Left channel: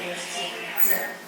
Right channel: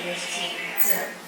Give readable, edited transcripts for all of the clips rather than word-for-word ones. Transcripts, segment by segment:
гостиница.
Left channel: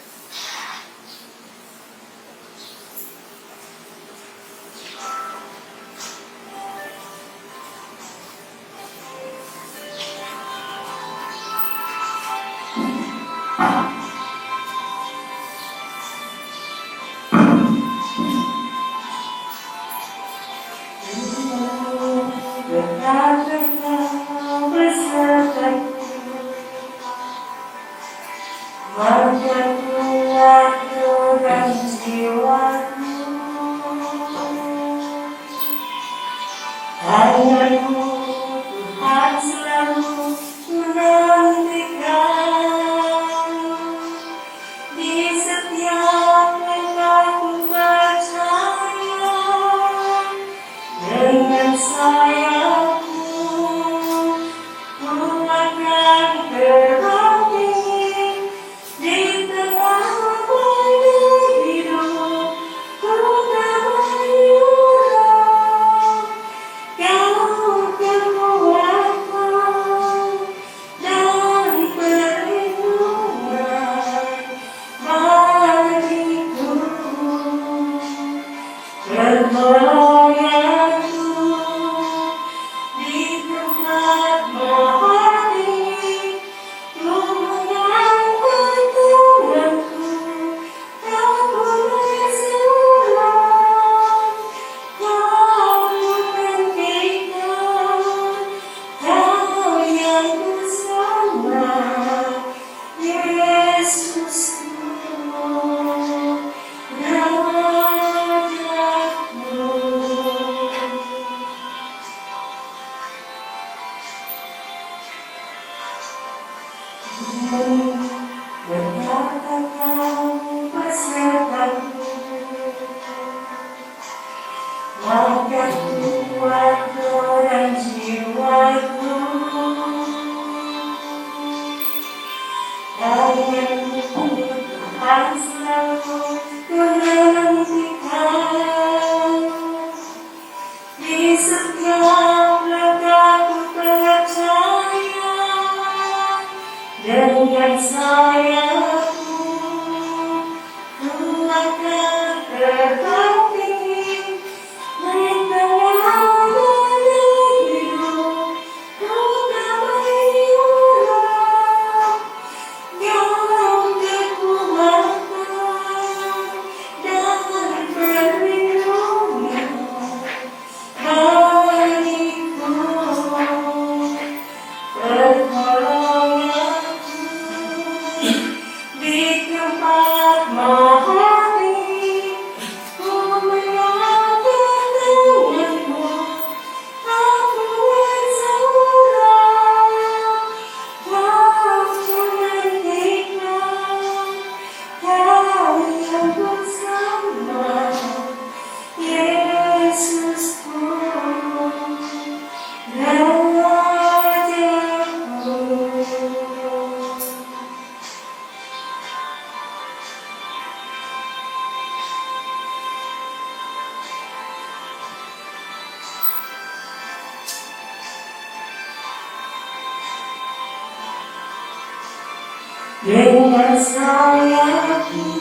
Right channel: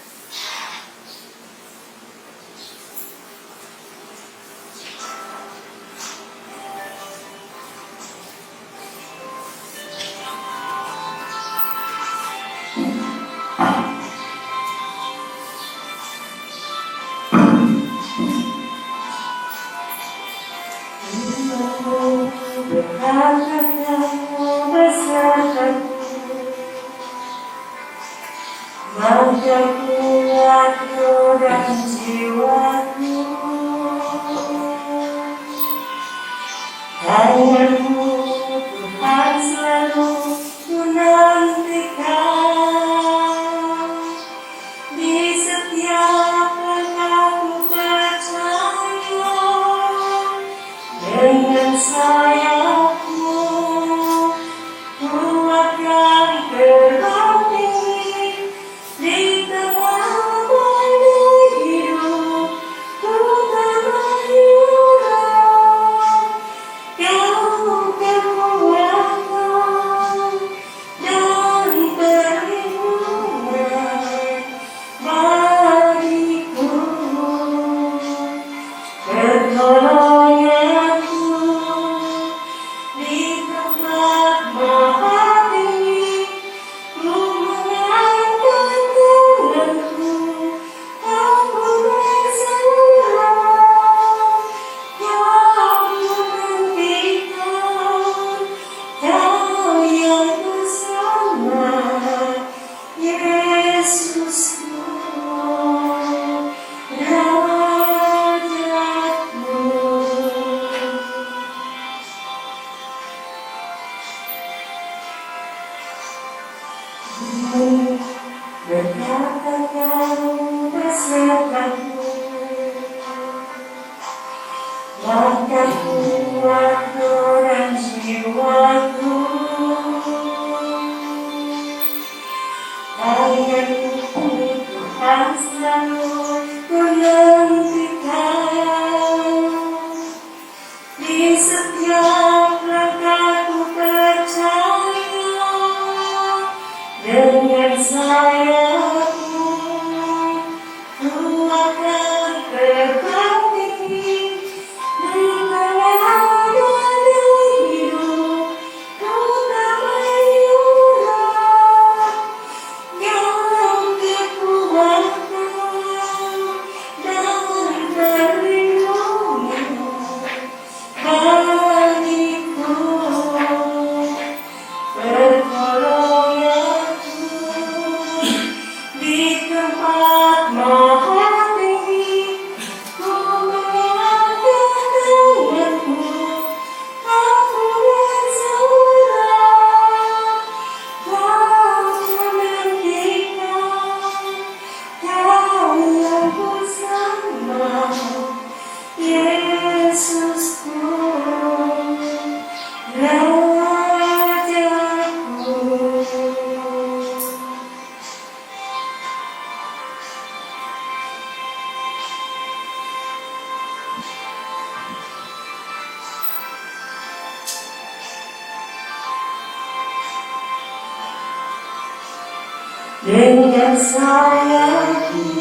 Dengan sayapmu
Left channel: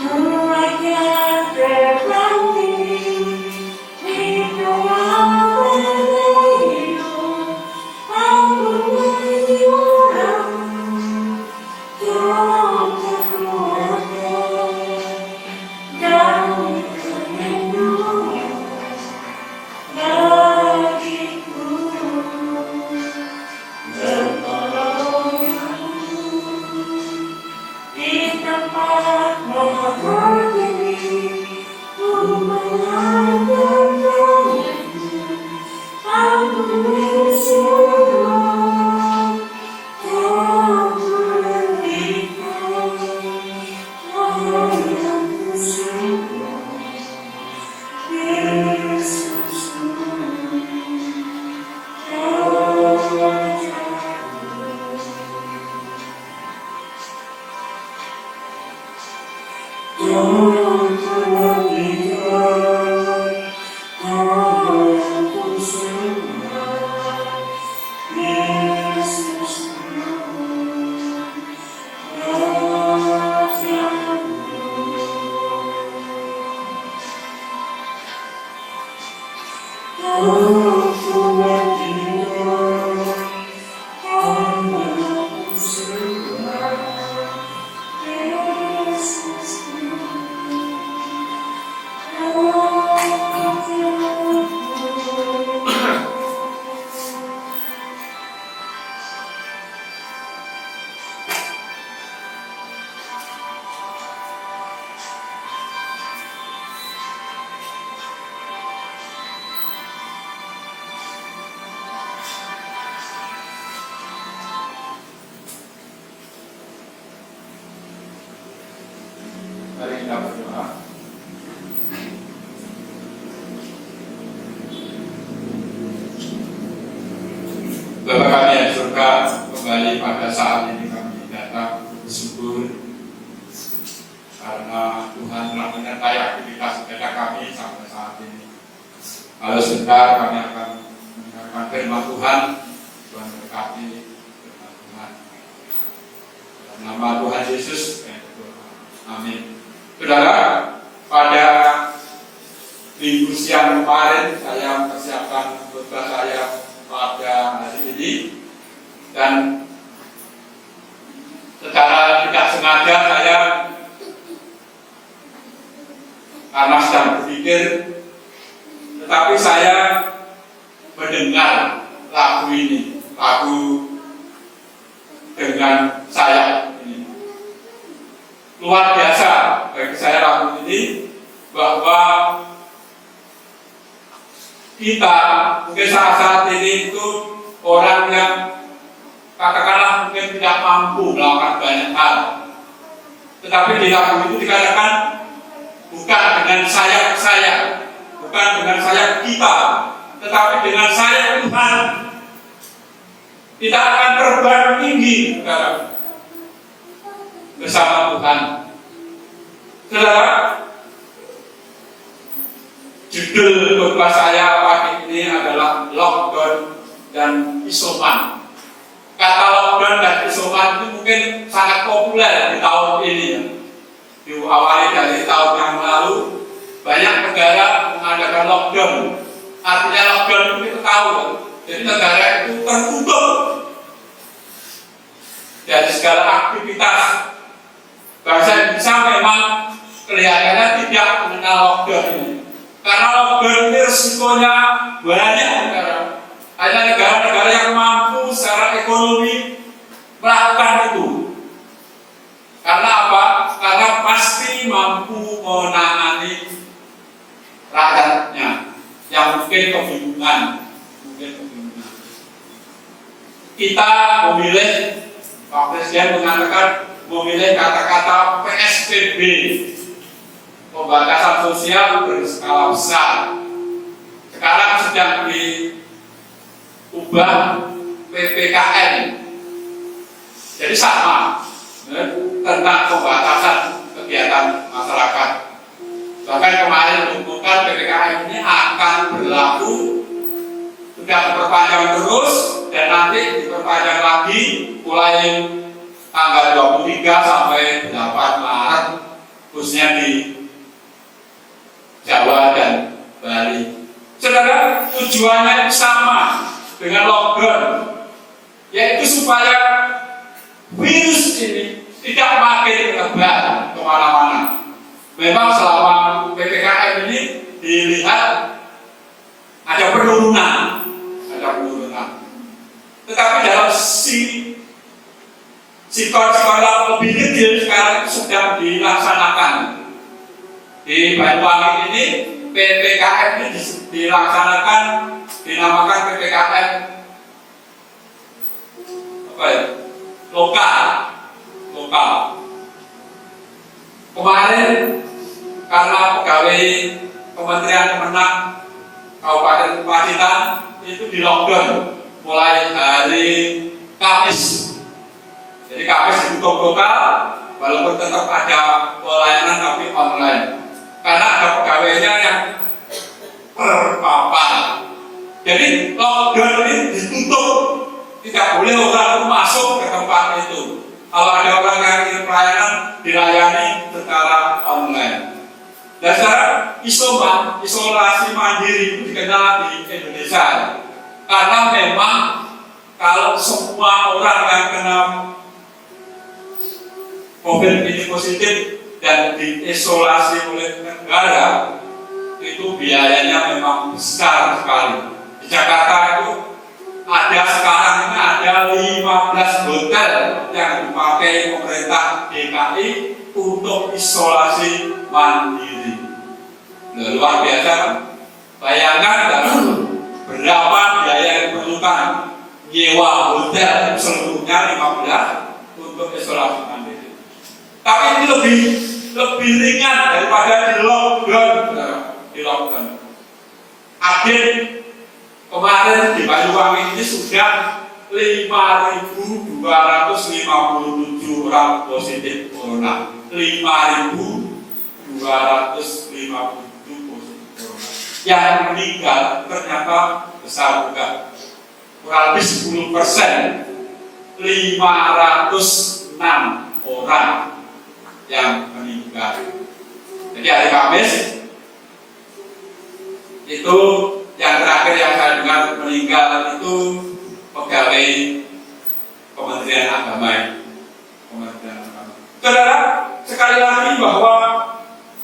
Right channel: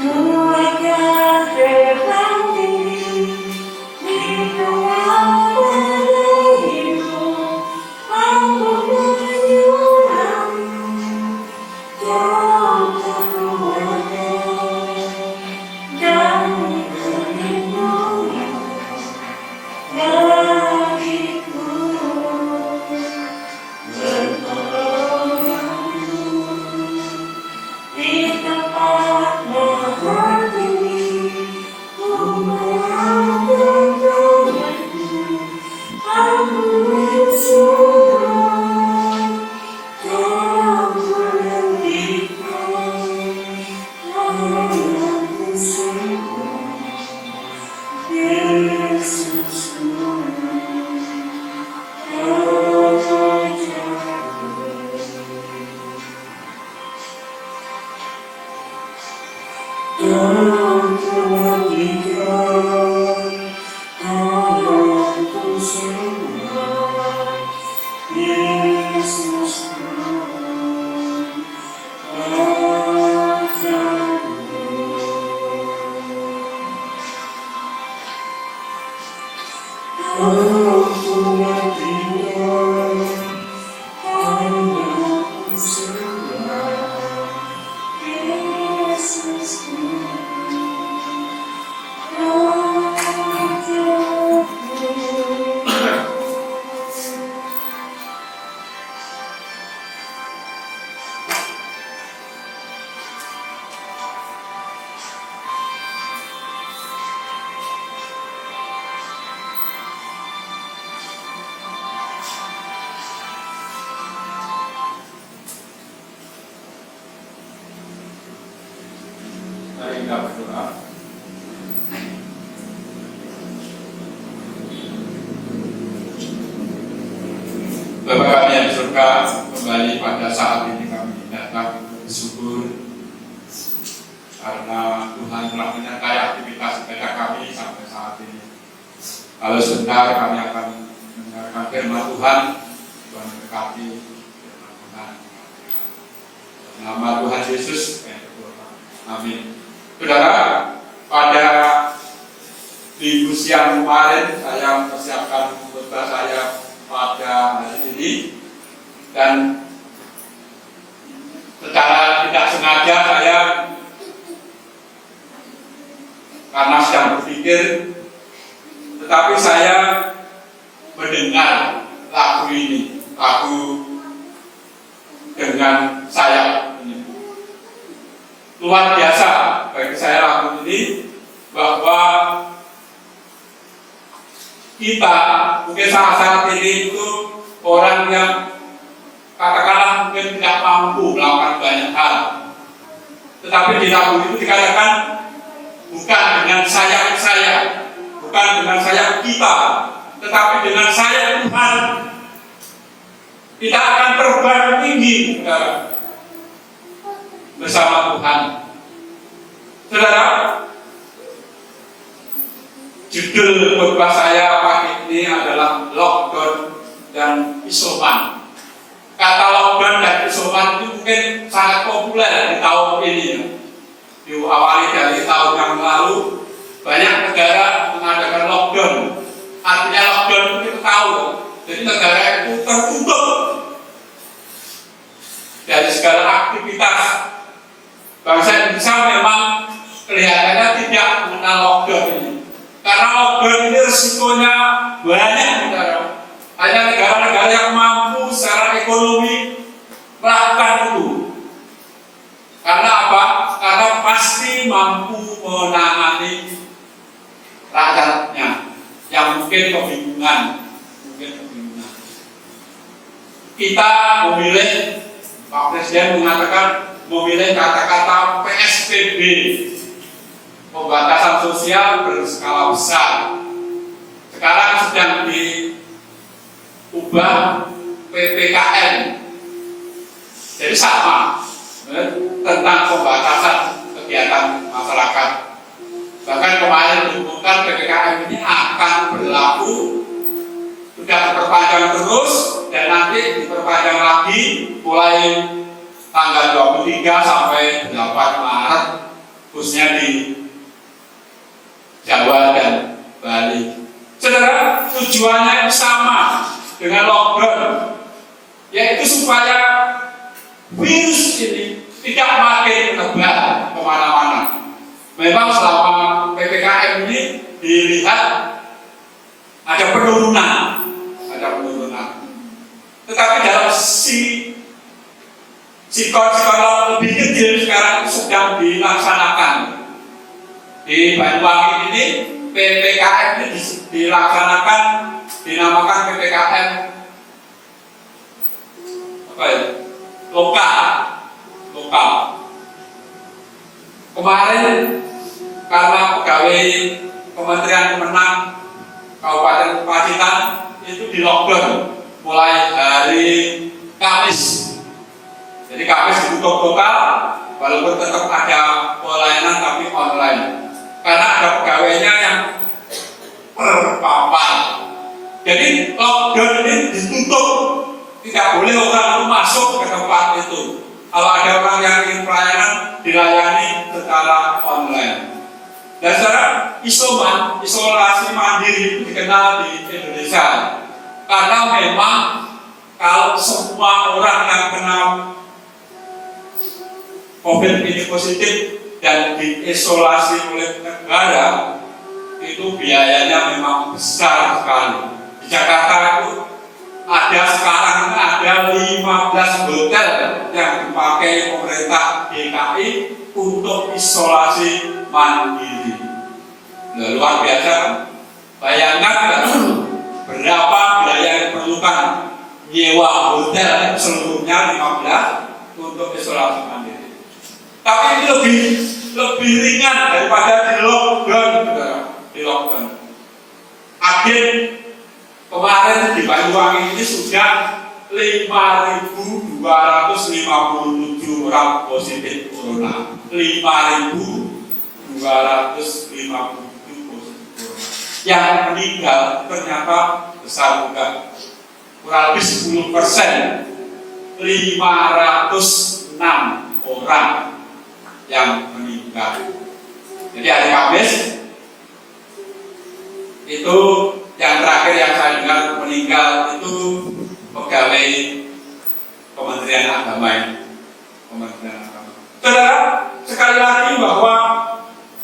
ku akan terbang tinggi di ruangan hidup. Aku menyuarakan yang terkuatkan dan terlindungi bagiku. Mari kita berdoa. Bapa kami yang di surga, kembali pada saat ini kami datang bersyukur karena Tuhan telah menyertai aktivitas ibadah kami sampai saat ini. Lalu sebentar kami akan mendengarkan firman Tuhan. Tuhan berkati firman Tuhan. Dalam nama Tuhan Yesus yang berdoa. Amin. Saudara, pada minggu siang kemarin saya mempersiapkan khotbah saya pada hari ini, dan secara tidak sengaja saya karena sedang berpikir, tetapi saya mendengar lagu ini, lagu dengan sayap ini. Luar biasa bagi saya lagu ini, bahwa kita mungkin saat ini itu orang yang katakanlah mungkin tidak mampu melakukan banyak hal, tetapi di lagu itu dikatakan bukan dengan sayap saya, bukan dengan sayap kita, tetapi dengan sayap Tuhan kita akan terbang tinggi, saudara, bersama Tuhan. Saudara, judul khotbah saya pagi ini adalah lockdown dan isoman. Kata lockdown dan isoman itu mungkin sangat populer di tahun ini. Diawali dari tahun yang lalu, banyak negara mengadakan lockdown. Artinya lockdown itu kita tahu, jadi negara itu tertutup dari segala aktivitas. Bangsa Indonesia memang kelihatannya tidak mengenal lockdown ini. Karena lockdown ini resikonya banyak negara. Hanya negara-negara yang mampu secara ekonomi melakukan itu. Karena apa? Karena pasti mampu menangani rakyatnya yang mungkin kebingungan. Kita memilih, Pak Presiden mengatakan memilih kata-kata PSBB, pembatasan sosial berskala besar. Sekarang sedang diubah PPKM. Jadi sama tentang pembatasan kegiatan masyarakat. Bahkan kemarin diumumkan PPKM ini akan berlaku, sudah diperpanjang terus, dan nanti diperpanjang lagi mulai tanggal 23 sampai 8 Maret, khususnya di Jawa dan Bali. Saudara, tujuannya sama dengan lockdown, yaitu supaya virus ini tidak makin menyebar kemana-mana. Memang selama PPKM ini dilihat ada penurunan, tetapi dalam skala lebih kecil sekarang sedang dilaksanakan. Di Banyuwangi ini PPKM ini dilaksanakan, dinamakan PPKM apa ya? Lokal. Kemarin karena pegawai Kementerian Kemenang Kabupaten Pacitan itu di lockdown mulai hari Kamis. Jadi Kamis ditutup total, walaupun tetap ada pelayanan tapi online. Karena ada pegawainya yang terpapar. Jadi lockdown ini ditutup, tidak boleh orang masuk ke tempat itu. Kalau ada orang yang ingin pelayanan, dilayani secara online. Dan sekarang isolasi mandiri itu dikenal di Indonesia. Karena memang kalau semua orang yang kena COVID ini positif dan diisolasi oleh negara, itu biayanya memang besar sekali. Di Jakarta itu sekarang ada 15 hotel yang dipakai pemerintah DKI untuk isolasi mandiri. Luar biasa. Bayangkan berapa biaya yang diperlukan nyewa hotel seluruhnya 15 untuk isolasi mandiri. Tapi ini lebih ringan daripada di lockdown. Agen kemarin di Banyuwangi ini sudah 5.257 orang positif corona. 5.257 positif corona. Yang meninggal ternyata besar juga, kurang lebih 10%. 506 orang yang meninggal. Jadi hari Kamis itu yang terakhir yang saya dengar meninggal itu pegawai Kementerian Agama. Saudara, sekali lagi bahwa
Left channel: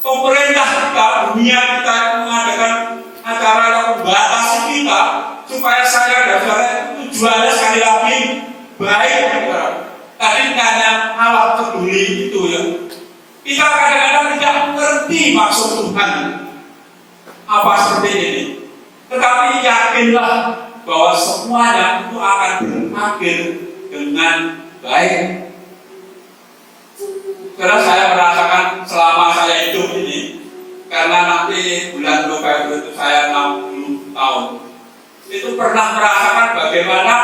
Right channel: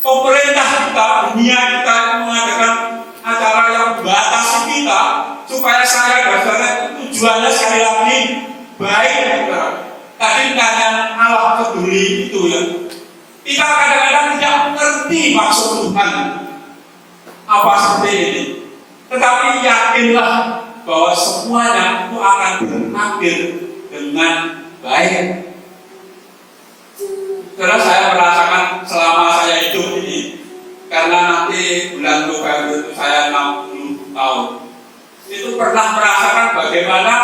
pemerintah kita, dunia kita mengadakan acara yang membatasi kita supaya saya dan saudara itu tujuannya sekali lagi baik. Tadi tanya Allah peduli itu ya. Kita kadang-kadang tidak mengerti maksud Tuhan apa seperti ini. Tetapi yakinlah bahwa semuanya itu akan berakhir dengan baik. Karena saya merasakan selama saya hidup ini, karena nanti bulan November itu saya 60 tahun, itu pernah merasakan bagaimana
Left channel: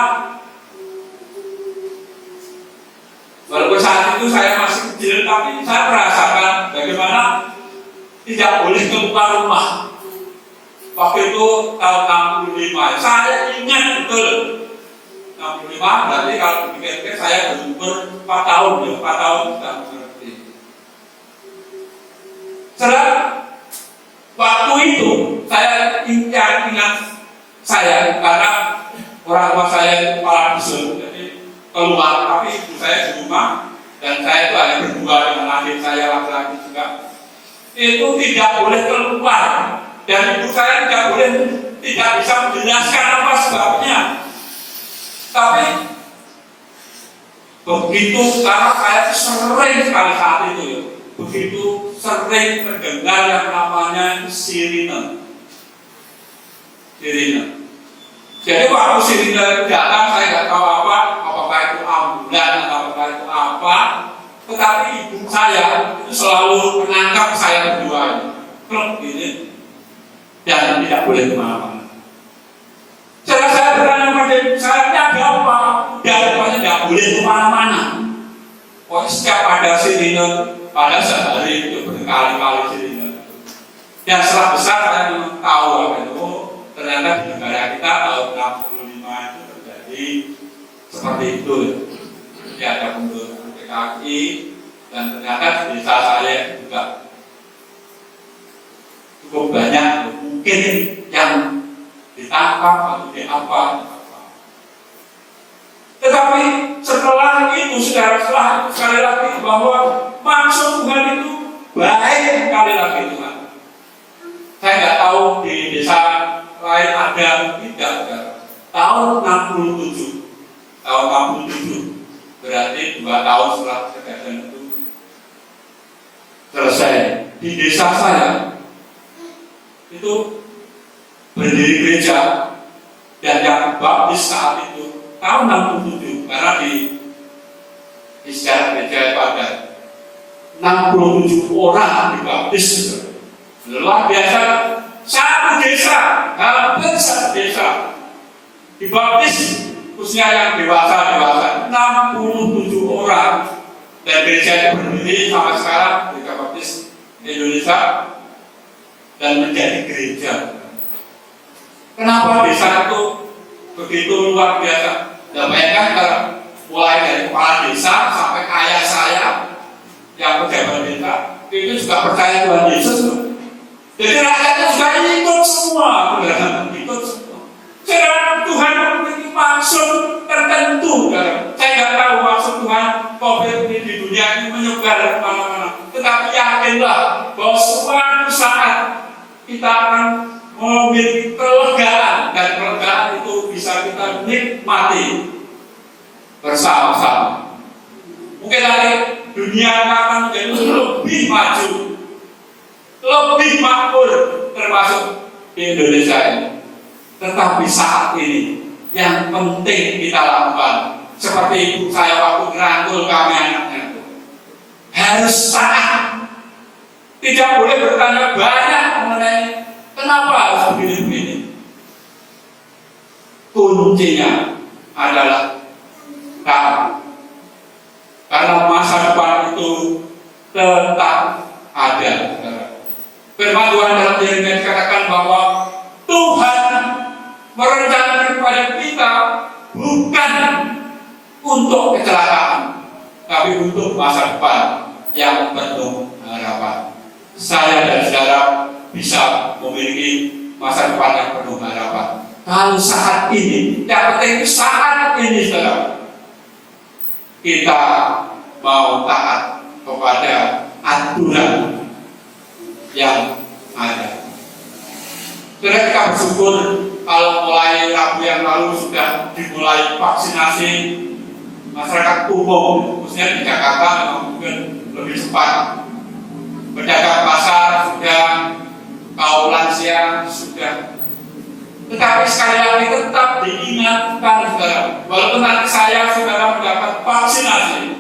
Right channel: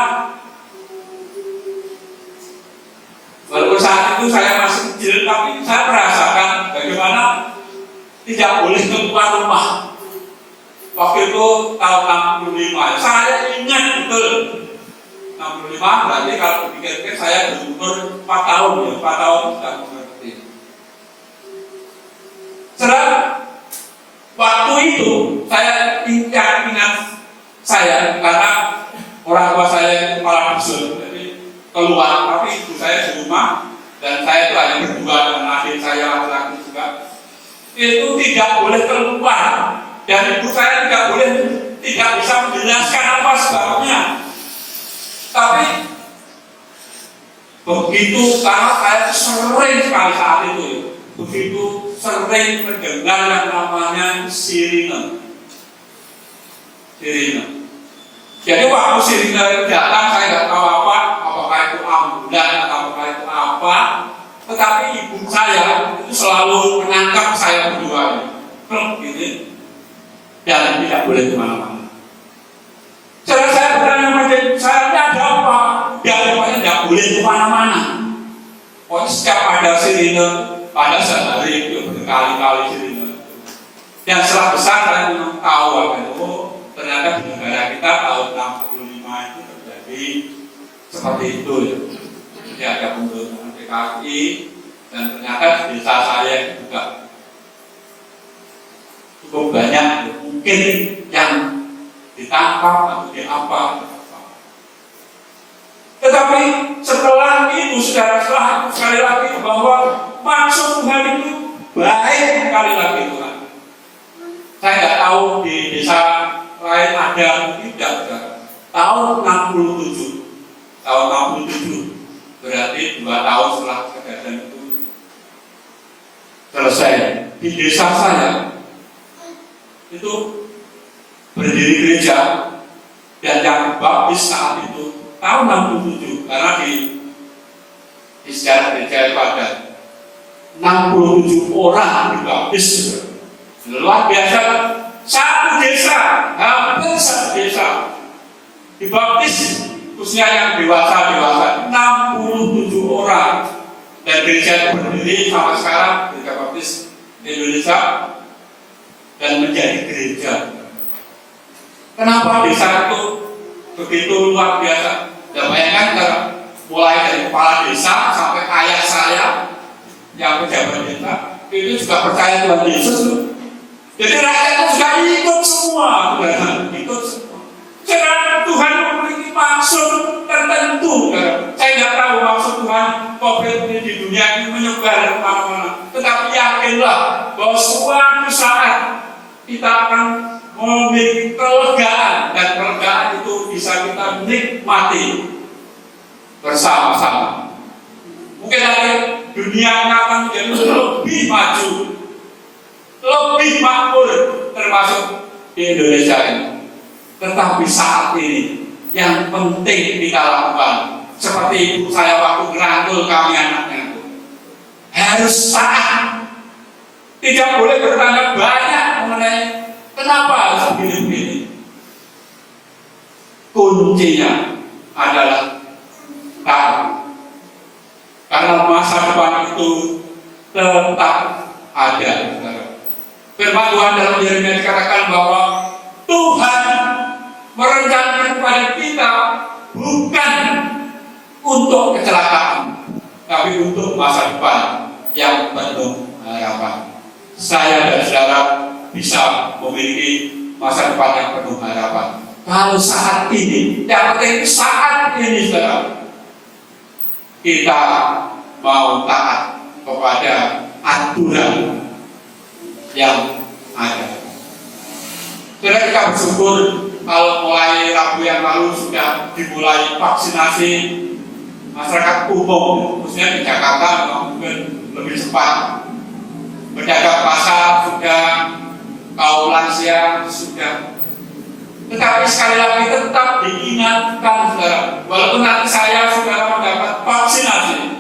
walaupun saat itu saya masih kecil, tapi saya merasakan bagaimana tidak boleh keluar rumah. Waktu itu tahun 65, saya ingat betul 65, berarti kalau pikir-pikir saya berumur 4 tahun ya, 4 tahun sudah mengerti. Setelah waktu itu saya ingat saya karena orang tua saya itu kepala dusun, jadi keluar, tapi ibu saya di rumah dan saya itu hanya berdua dengan adik saya laki-laki juga. Itu tidak boleh keluar. Dan ibu saya tidak bisa menjelaskan apa sebabnya. Tapi begitu karena saya sering sekali saat itu, begitu sering mendengar yang namanya sirine. Jadi waktu sirine itu datang, saya tidak tahu apakah itu ambulan atau apakah itu apa. Tetapi ibu saya itu selalu menangkap saya berdua ini. Dan tidak boleh kemana-mana. Saya bertanya pada ibu saya, ini ada apa? Dia rupanya tidak boleh kemana-mana. Setiap ada sirine, pada sehari itu berkali-kali sirine. Dan setelah besar saya memang tahu itu ternyata di negara kita tahun 65 itu terjadi seperti itu. Jadi ada pembunuhan PKI dan ternyata di desa saya juga cukup banyak mungkin yang ditangkap atau diapa. Tetapi setelah itu sekali lagi bahwa maksud Tuhan itu baik sekali lagi Tuhan. Saya nggak tahu di desa lain ada tidak. Tahun 67 berarti 2 tahun setelah kejadian itu selesai. Di desa saya itu berdiri gereja dan yang baptis saat itu tahun 67 karena di sejarah gereja itu ada 67 orang dibaptis. Luar biasa, satu desa, hampir satu desa dibaptis, khususnya yang dewasa 67 orang. Dan gereja berdiri sampai sekarang, gereja baptis Indonesia dan menjadi gereja. Kenapa desa itu begitu luar biasa? Dan bayangkan mulai dari kepala desa sampai ayah saya yang pejabat desa itu juga percaya Tuhan Yesus. Jadi rakyat itu sudah ikut semua, ikut semua. Sekarang Tuhan memiliki maksud tertentu. Saya nggak tahu maksud Tuhan COVID ini di dunia ini menyebar kemana-mana. Tetapi yakinlah bahwa suatu saat kita akan memiliki kelegaan dan kelegaan itu bisa kita nikmati bersama-sama. Mungkin dari dunia akan menjadi lebih maju, lebih makmur, termasuk di Indonesia ini. Tetapi saat ini yang penting kita lakukan, seperti ibu saya waktu ngerangkul kami anaknya itu, harus taat Tidak boleh bertanya banyak mengenai kenapa harus begini-begini. Kuncinya adalah taat. Karena masa depan itu tetap ada. Firman Tuhan dalam Yeremia dikatakan bahwa Tuhan merencanakan kepada kita bukan untuk kecelakaan, tapi untuk masa depan yang penuh harapan. Saya dan saudara bisa memiliki masa depan yang penuh harapan kalau saat ini, yang penting saat ini saudara, kita mau taat kepada aturan yang ada. Saudara, kita bersyukur kalau mulai Rabu yang lalu sudah dimulai vaksinasi masyarakat umum, khususnya di Jakarta memang mungkin lebih cepat. Pedagang pasar sudah, kaum lansia sudah. Tetapi sekali lagi tetap diingatkan, saudara, walaupun nanti saya saudara mendapat vaksinasi,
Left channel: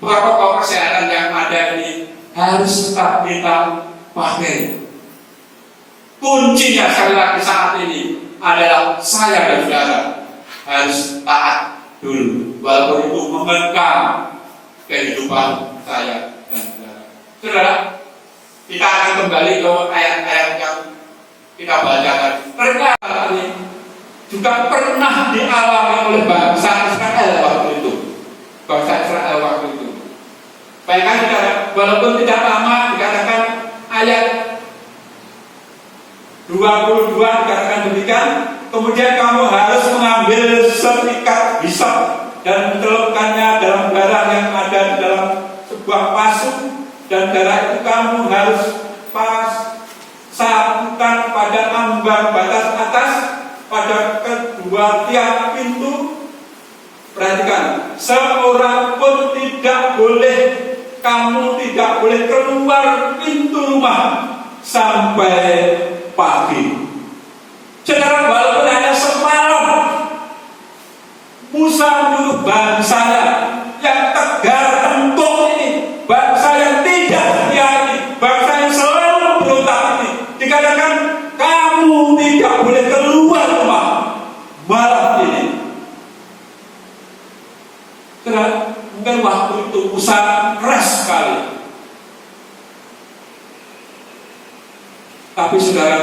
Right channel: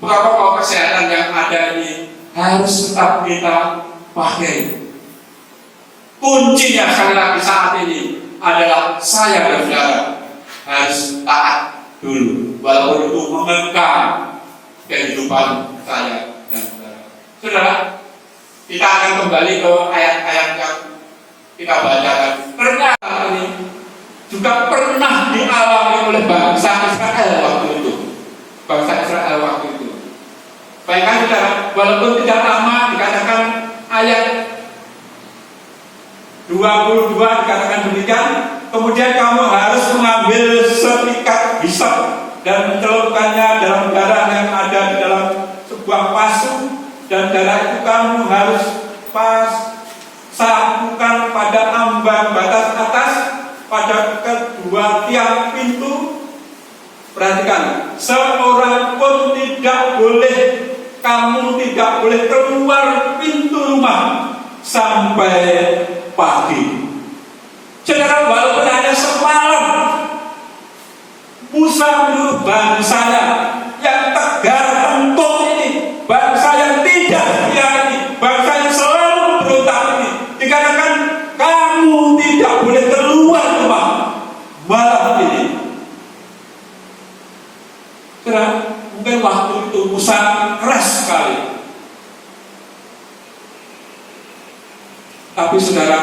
protokol kesehatan yang ada ini harus tetap kita pakai. Kuncinya sekali lagi saat ini adalah saya dan saudara harus taat dulu, walaupun itu mengekang kehidupan saya dan saudara. Saudara, kita akan kembali ke ayat-ayat yang kita bacakan. Ternyata ini juga pernah dialami oleh bangsa Israel waktu itu. Bangsa Israel waktu itu. Bayangkan saudara, walaupun tidak lama dikatakan ayat 22 dikatakan demikian. Kemudian kamu harus mengambil sepikat hisop dan mencelupkannya dalam darah yang ada di dalam sebuah pasuk, dan darah itu kamu harus sapukan pada ambang batas atas pada kedua tiang pintu. Perhatikan, seorang pun tidak boleh, kamu tidak boleh keluar pintu rumah sampai pagi. Saudara, walaupun hanya semalam Musa menyuruh bangsanya yang tegar tengkuk ini, bangsa yang tidak setia ini, bangsa yang selalu berontak ini, dikatakan kamu tidak boleh keluar rumah malam ini. Saudara, mungkin waktu itu Musa keras sekali. Tapi saudara,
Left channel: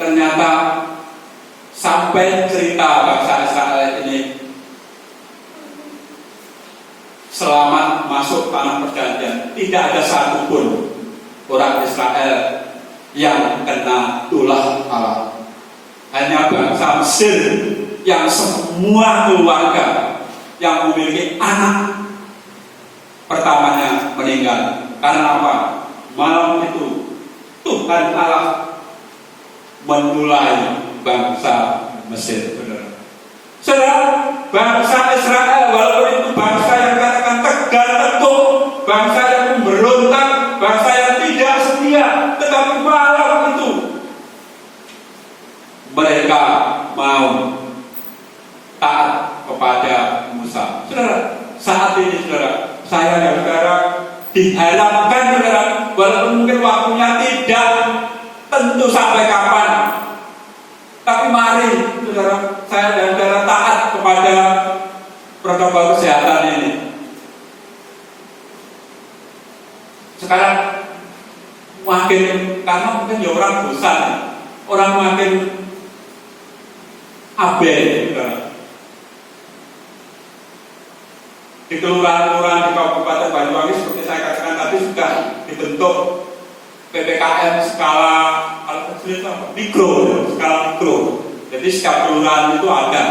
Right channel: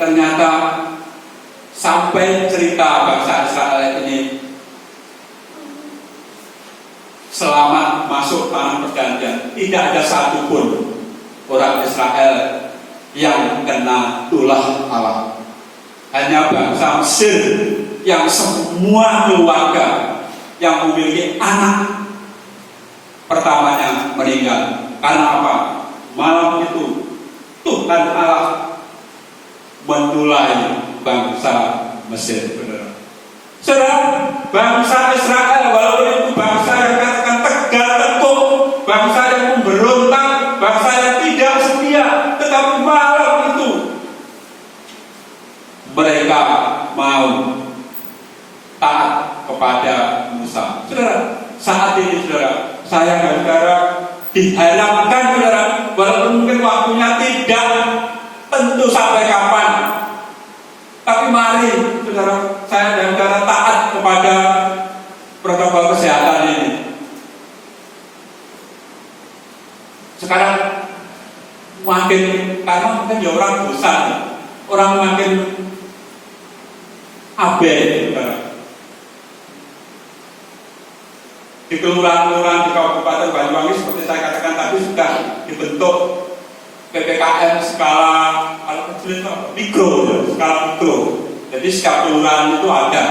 ternyata sampai cerita bangsa Israel ini selamat masuk tanah perjanjian, tidak ada satupun orang Israel yang kena ulah Allah. Hanya bangsa Mesir yang semua keluarga yang memiliki anak pertamanya meninggal. Karena apa? Malam itu Tuhan Allah memulai bangsa Mesir. Saudara, bangsa Israel walaupun itu bangsa yang katakan tegar tengkuk, bangsa yang memberontak, bangsa yang tidak setia, tetapi malam itu mereka mau taat kepada Musa. Saudara, saat ini saudara, saya dan saudara diharapkan saudara, walaupun mungkin waktunya tidak tentu sampai kapan, tapi mari saudara, saya dan saudara taat kepada protokol kesehatan ini. Sekarang makin, karena mungkin ya orang bosan, orang makin abai saudara. Di kelurahan-kelurahan di Kabupaten Banyuwangi seperti saya katakan tadi sudah dibentuk PPKM skala mikro, skala mikro. Jadi setiap kelurahan itu ada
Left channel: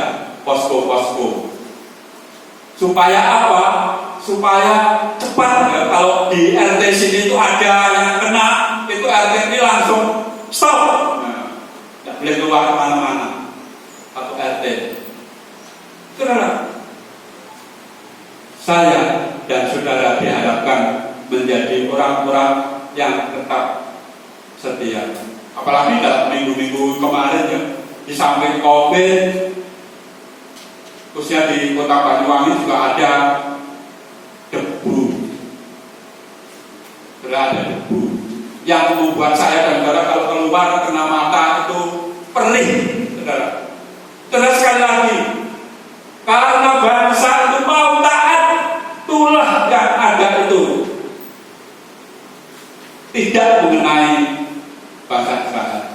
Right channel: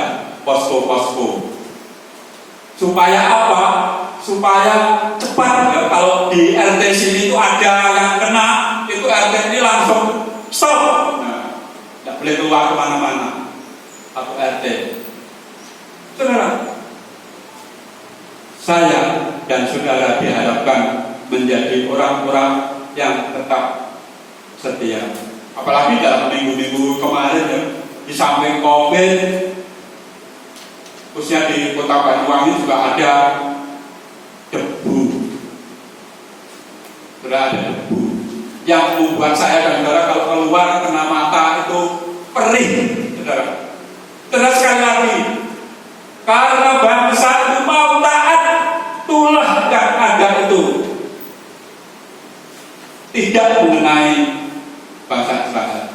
posko-posko. Supaya apa? Supaya cepat ya, kalau di RT sini itu ada yang kena, itu RT ini langsung stop. Nah, tidak boleh keluar kemana-mana atau RT. Saudara, saya dan saudara diharapkan menjadi orang-orang yang tetap setia. Apalagi dalam minggu-minggu kemarin ya, di samping COVID, khususnya di Kota Banyuwangi juga ada debu. Sudah ada debu. yang membuat saya dan saudara kalau keluar kena mata itu perih, saudara. Saudara sekali lagi, karena bangsa itu mau taat, tulah yang ada itu tidak mengenai bangsa Israel.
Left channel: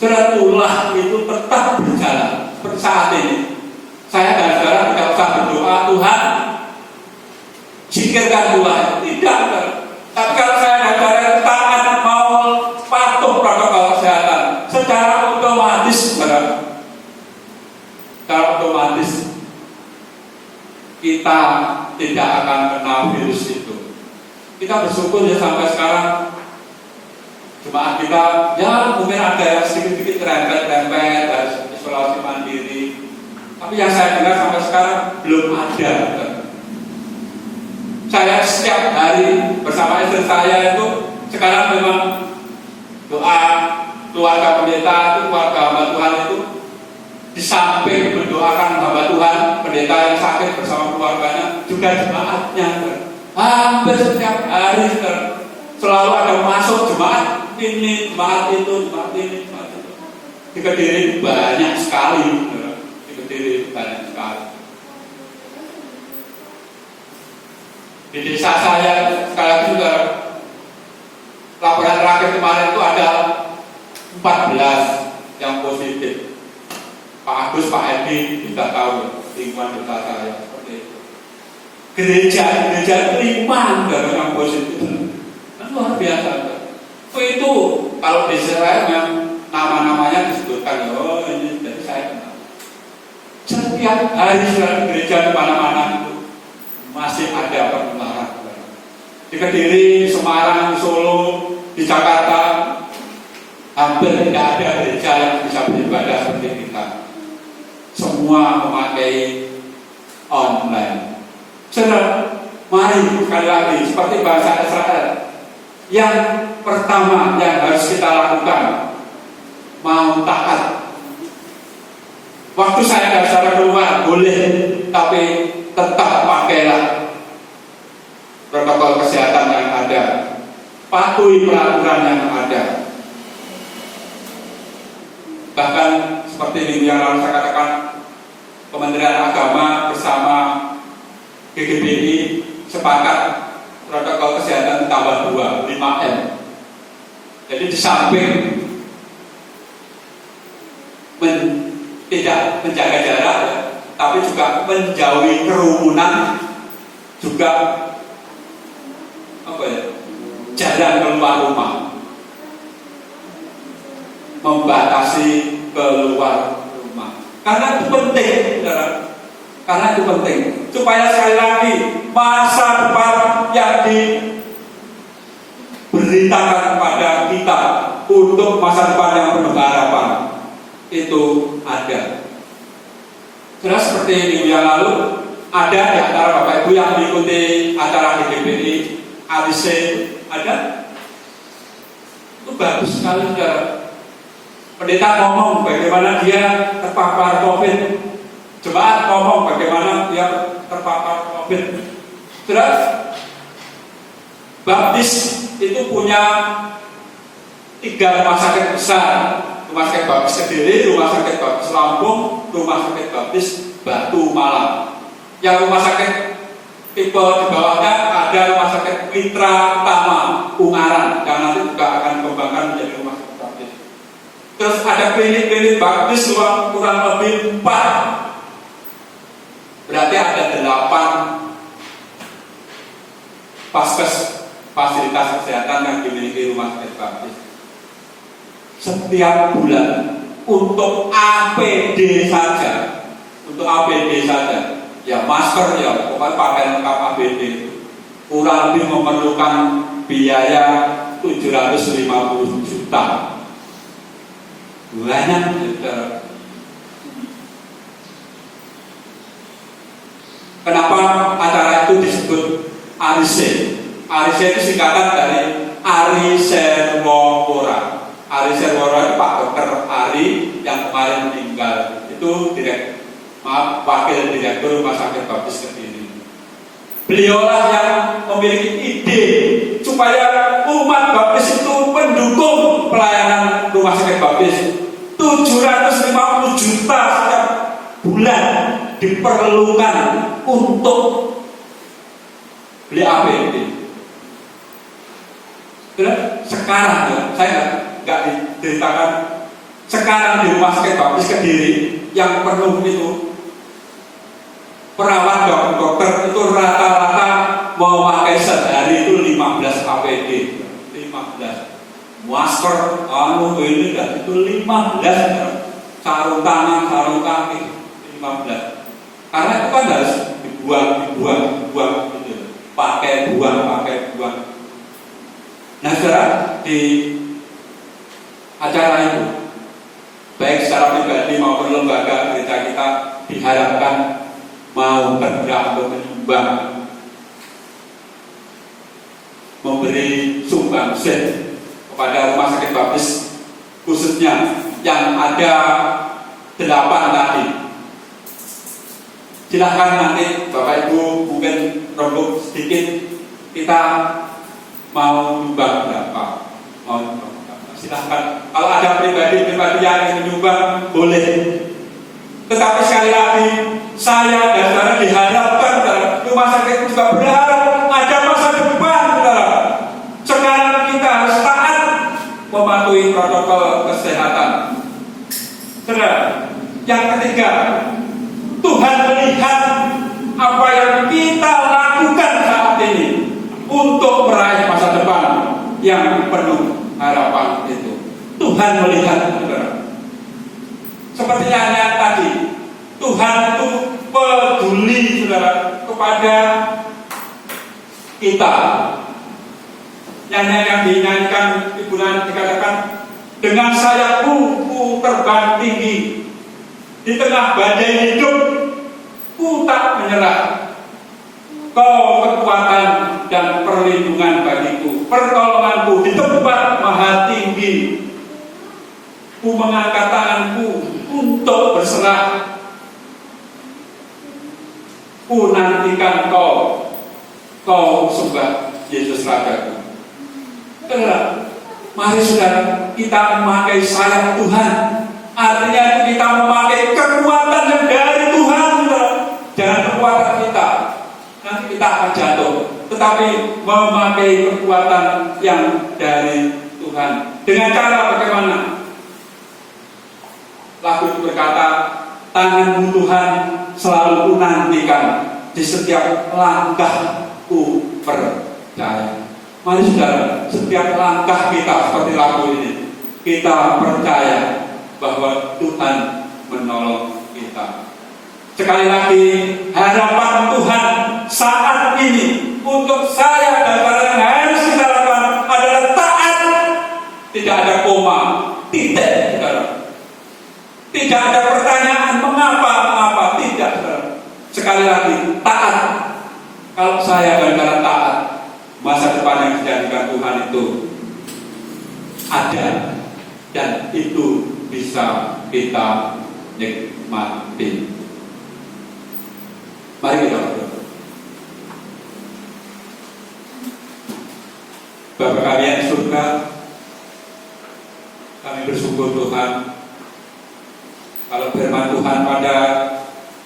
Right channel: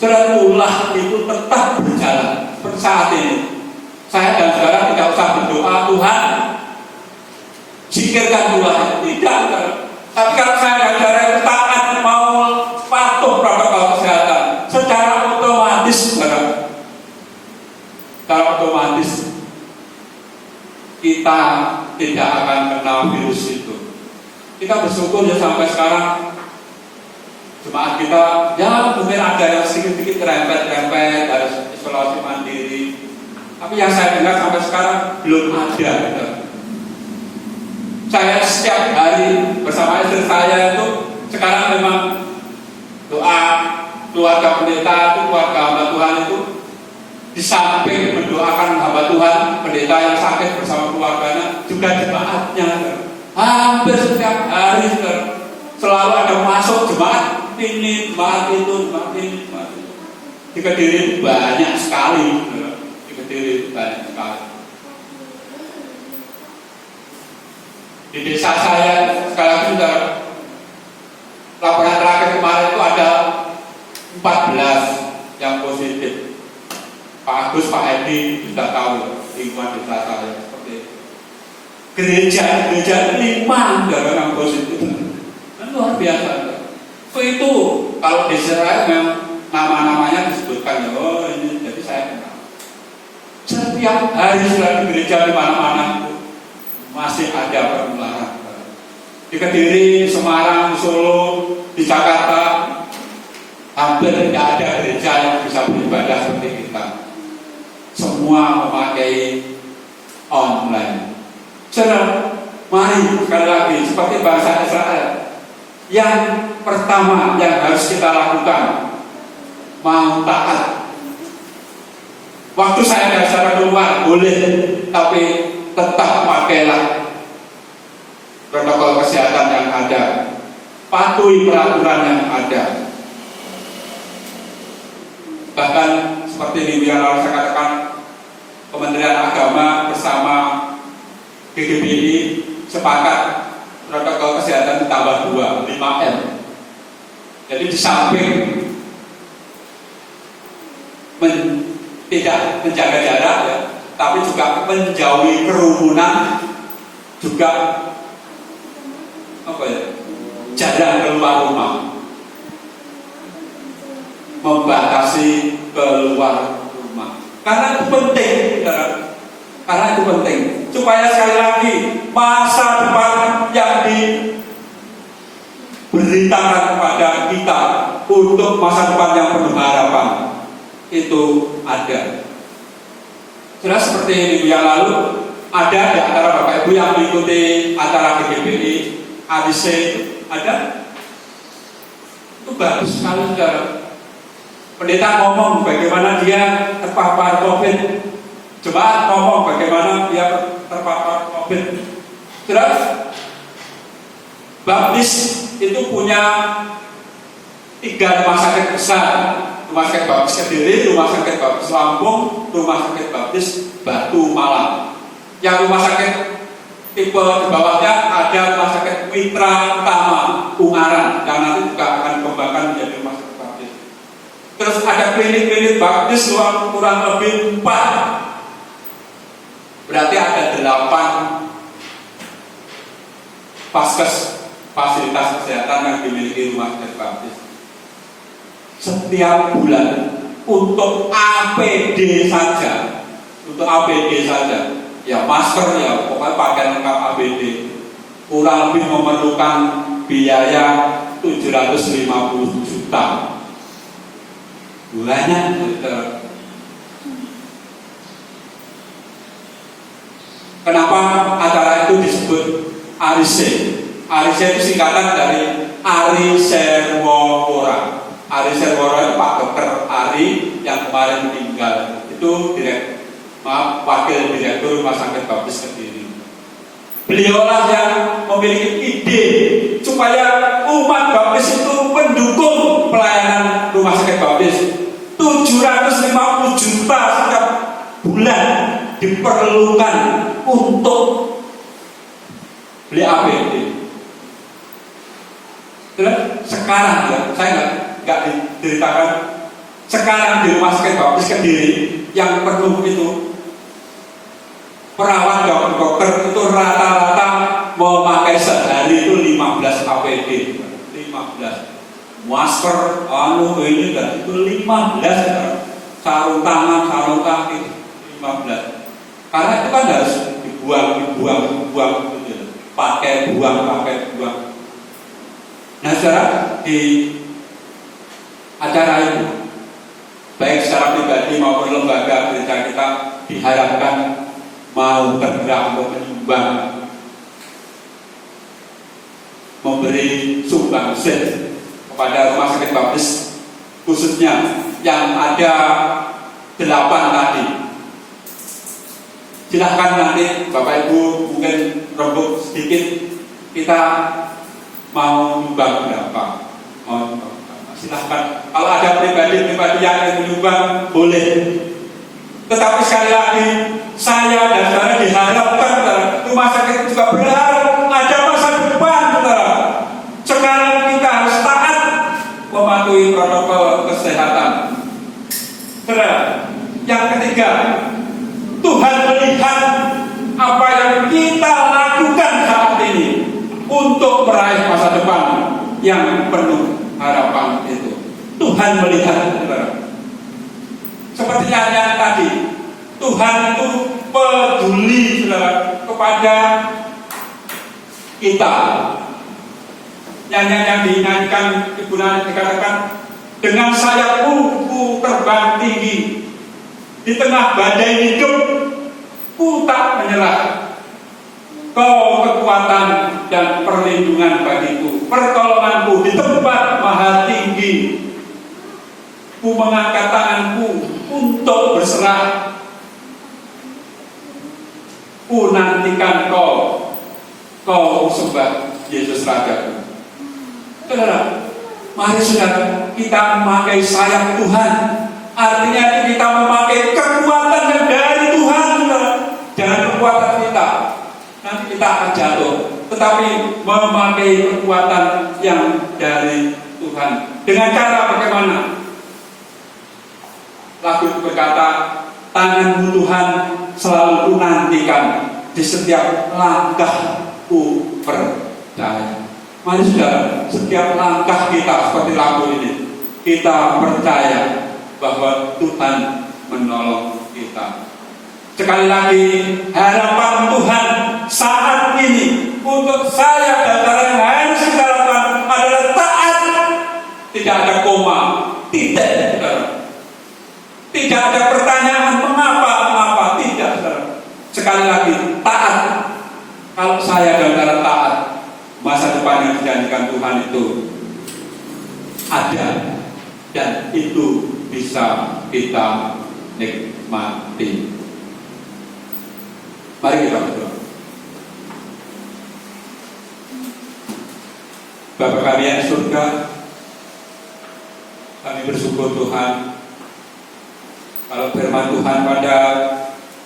Saudara, tulah itu tetap berjalan saat ini. Saya dan saudara tidak usah berdoa, Tuhan zikirkan tulah, tidak. Tapi kalau saya dan saudara taat mau patuh protokol kesehatan, secara otomatis, saudara, secara otomatis kita tidak akan kenal virus itu. Kita bersyukur ya sampai sekarang jemaat kita ya mungkin ada yang sedikit-sedikit rempet-rempet dari isolasi mandiri. Tapi yang saya dengar sampai sekarang belum ada. Saya setiap hari bersama istri saya itu sekarang memang doa keluarga pendeta itu, keluarga hamba Tuhan itu di samping mendoakan hamba Tuhan, pendeta yang sakit bersama keluarganya, juga jemaatnya. Hampir setiap hari selalu ada masuk jemaat ini, jemaat itu, jemaat ini, jemaat itu. Di Kediri banyak sekali, di Kediri banyak sekali. Di desa saya sekarang juga laporan terakhir kemarin itu ada 14 yang positif. Pak Agus, Pak Edi sudah tahu lingkungan desa saya seperti itu. Gereja 5 dari yang positif, kan luar biasa. Itu kalau di Israel yang nama-namanya disebutkan, oh ini jadi saya kenal. Setiap hari di gereja di mana-mana itu masih ada penularan. Di Kediri, Semarang, Solo, di Jakarta hampir tidak ada gereja yang bisa beribadah seperti kita. Semua memakai online. Saudara, mari sekali lagi seperti bangsa Israel. Yang pertama yang harus kita lakukan, mau taat. Waktu saya dan saudara keluar boleh, tapi tetap pakailah protokol kesehatan yang ada, patuhi peraturan yang ada. Bahkan seperti minggu yang lalu saya katakan, Kementerian Agama bersama GGBI sepakat protokol kesehatan ditambah 2, 5M. Jadi di samping tidak menjaga jarak ya, tapi juga menjauhi kerumunan, juga jarang keluar rumah, membatasi keluar rumah. Karena itu penting, saudara. Karena itu penting supaya sekali lagi masa depan yang diberitakan kepada kita untuk masa depan yang penuh harapan itu ada. Jelas seperti minggu yang lalu ada di antara Bapak Ibu yang mengikuti acara GGBI, ADC, ada. Itu bagus sekali, saudara. Pendeta ngomong bagaimana dia terpapar COVID, jemaat ngomong bagaimana dia terpapar COVID. Terus Baptis itu punya 3 rumah sakit besar. Rumah sakit Baptis Kediri, Rumah sakit Baptis Lampung, Rumah sakit Baptis Batu Malang. Yang rumah sakit tipe di bawahnya ada Rumah sakit Mitra Utama Ungaran, yang nanti juga akan dikembangkan menjadi rumah sakit Baptis. Terus ada klinik-klinik Baptis kurang lebih 4. Berarti ada 8 paskes, fasilitas kesehatan yang dimiliki rumah sakit Baptis. Setiap bulan untuk APD saja, ya masker ya, pokoknya pakaian lengkap APD kurang lebih memerlukan biaya 750 juta. Banyak, kenapa acara itu disebut Arise? Arise itu singkatan dari Ari Serwora. Ari Serwora itu Pak Dokter Ari yang kemarin meninggal. Itu wakil direktur Rumah Sakit Baptis Kediri. Beliaulah yang memiliki ide supaya umat Baptis itu perlukan untuk beli APD. Sekarang ya, saya nggak diceritakan. Sekarang di Rumah Sakit Baptis Kediri yang perlu itu perawat dokter itu rata-rata memakai sehari itu 15 APD, 15 masker, ini dan itu 15 sarung tangan, sarung kaki 15. Karena itu kan harus dibuang gitu. Pakai buang. Nah, saudara, di acara itu baik secara pribadi maupun lembaga gereja kita diharapkan mau bergerak untuk menyumbang, memberi sumbangsih kepada Rumah Sakit Baptis, khususnya yang ada 8 tadi. Silahkan nanti Bapak Ibu mungkin rembuk sedikit, kita mau nyumbang berapa, silahkan. Kalau ada pribadi yang ingin menyumbang boleh. Tetapi sekali lagi saya dan saudara diharapkan Rumah Sakit juga berharap ada masa depan, saudara. Sekarang kita harus taat mematuhi protokol kesehatan. Saudara, yang ketiga, Tuhan melihat apa yang kita lakukan saat ini untuk meraih masa depan yang penuh harapan itu. Tuhan melihat, saudara. Seperti yang tadi, Tuhan itu peduli, saudara, kepada kita. Nyanyian yang dinyanyikan Ibu Nani dikatakan, dengan sayapku ku terbang tinggi, di tengah badai hidup ku tak menyerah. Kau kekuatan dan perlindungan bagiku, pertolonganku di tempat maha tinggi. Ku mengangkat tanganku untuk berserah. Ku nantikan kau sembah Yesus Rajaku. Saudara, mari saudara kita memakai sayap Tuhan. Artinya kita memakai kekuatan yang dari Tuhan, saudara. Jangan kekuatan kita, nanti kita akan jatuh. Tetapi memakai kekuatan yang dari Tuhan. Dengan cara bagaimana? Lagu berkata, tanganmu Tuhan selalu ku nantikan, di setiap langkahku percaya. Mari saudara, setiap langkah kita seperti lagu ini, kita percaya bahwa Tuhan menolong kita. Sekali lagi, harapan Tuhan saat ini untuk saya dan saudara yang harus kita lakukan adalah taat. Tidak ada koma, titik, saudara. Tidak ada pertanyaan mengapa, tidak, saudara. Sekali lagi, taat. Kalau saya dan saudara taat, masa depan yang dijanjikan Tuhan itu ada, dan itu bisa kita nikmati. Mari kita berdoa. Bapa kami yang di surga, kami bersyukur Tuhan kalau firman Tuhan pada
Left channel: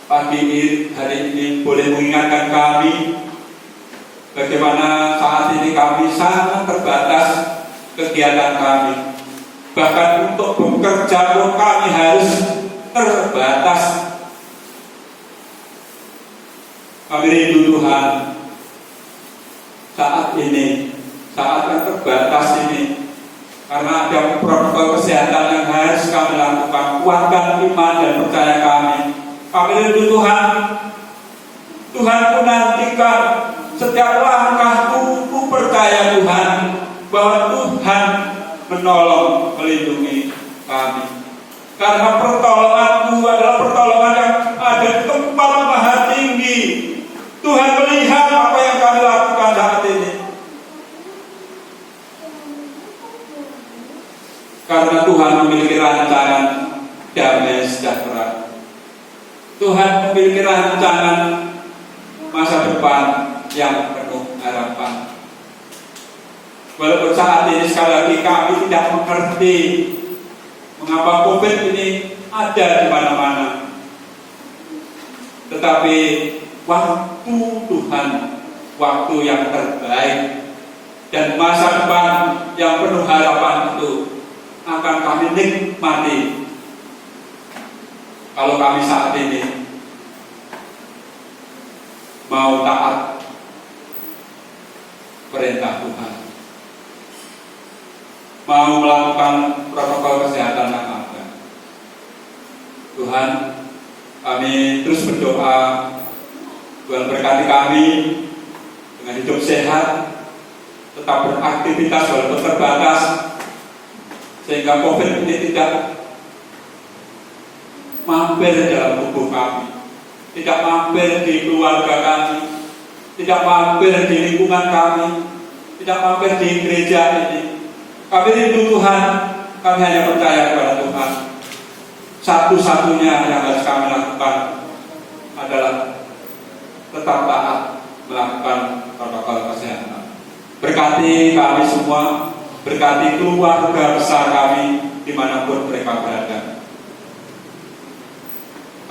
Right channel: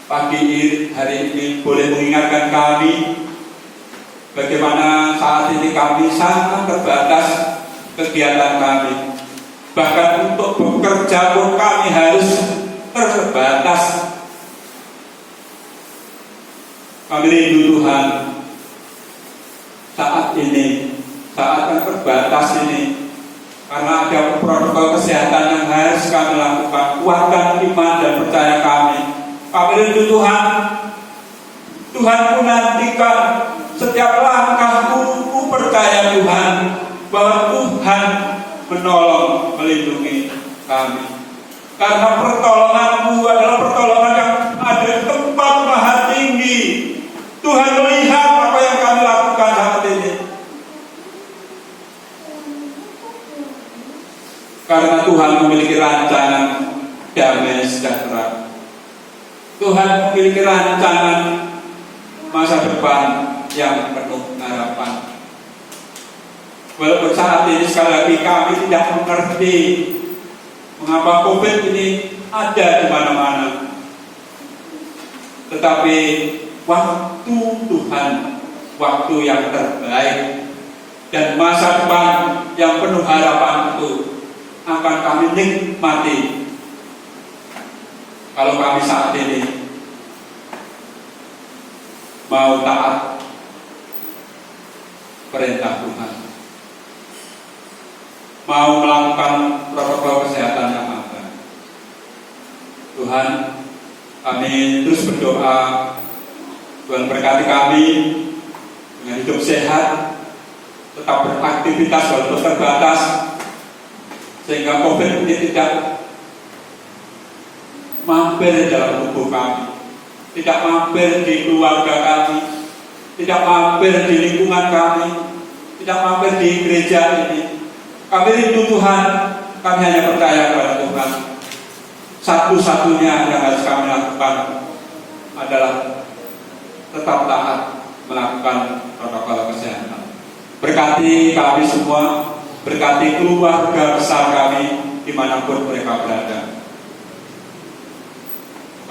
pagi hari ini boleh mengingatkan kami bagaimana saat ini kami sangat terbatas kegiatan kami. Bahkan untuk bekerja pun kami harus terbatas. Kami rindu Tuhan saat ini, saat yang terbatas ini, karena ada protokol kesehatan yang harus kami lakukan. Kuatkan iman dan percaya kami. Kami rindu Tuhan. Tuhan ku nantikan setiap langkahku. Ku percaya Tuhan bahwa Tuhan menolong, melindungi kami. Karena pertolonganmu adalah pertolongan yang ada di tempat maha tinggi. Tuhan melihat apa yang kami lakukan saat ini. Karena Tuhan memiliki rancangan damai sejahtera. Tuhan memiliki rancangan masa depan yang penuh harapan. Walaupun saat ini sekali lagi kami tidak mengerti mengapa COVID ini ada di mana-mana. tetapi waktu Tuhan, waktu yang terbaik dan masa depan yang penuh harapan itu akan kami nikmati kalau kami saat ini mau taat perintah Tuhan, mau melakukan protokol kesehatan yang ada. Tuhan, kami terus berdoa, Tuhan berkati kami dengan hidup sehat, tetap beraktivitas walaupun terbatas, sehingga COVID ini tidak mampir dalam tubuh kami, tidak mampir di keluarga kami, tidak mampir di lingkungan kami, tidak mampir di gereja ini. Kami rindu Tuhan, kami hanya percaya kepada Tuhan. Satu-satunya yang harus kami lakukan adalah tetap taat melakukan protokol kesehatan. Berkati kami semua, berkati keluarga besar kami dimanapun mereka berada.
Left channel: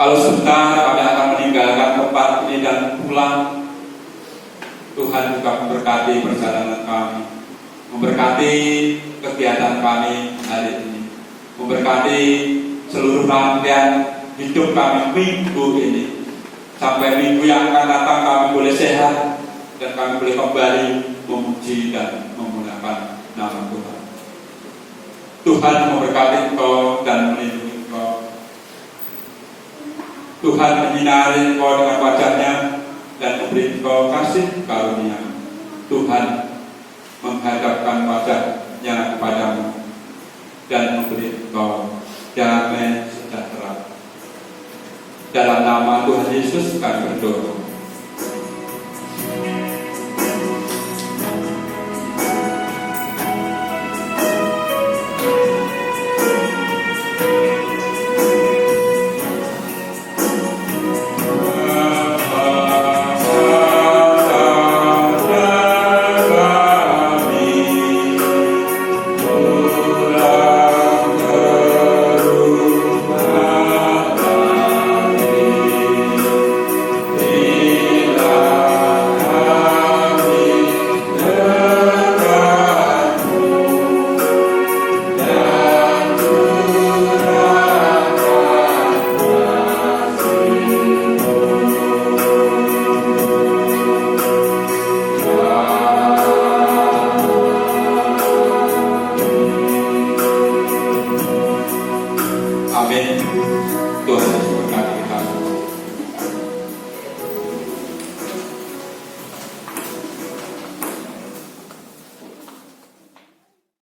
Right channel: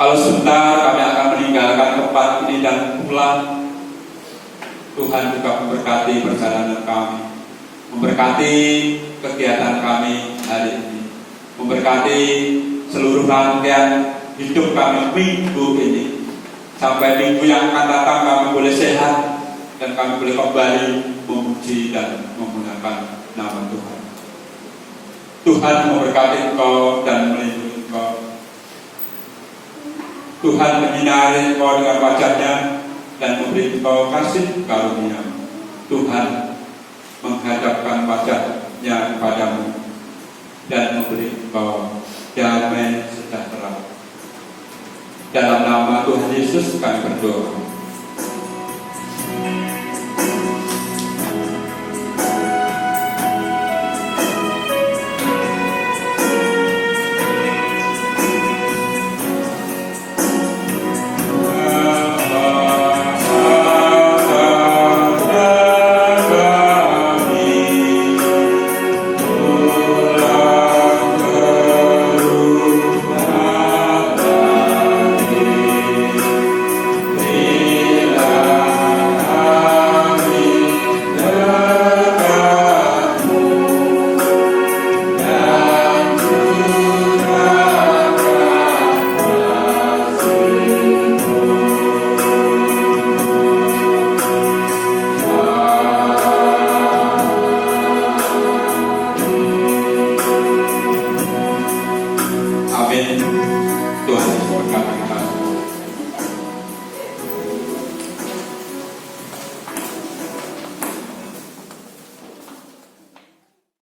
Kalau sebentar kami akan meninggalkan tempat ini dan pulang, Tuhan juga memberkati perjalanan kami, memberkati kegiatan kami hari ini, memberkati seluruh rangkaian hidup kami minggu ini, sampai minggu yang akan datang kami boleh sehat dan kami boleh kembali memuji dan menggunakan nama Tuhan. Tuhan memberkati engkau dan melindungi engkau. Tuhan menyinari engkau dengan wajah-Nya dan memberi engkau kasih karunia. Tuhan menghadapkan wajah-Nya kepadamu dan memberi engkau damai sejahtera. Dalam nama Tuhan Yesus kami berdoa.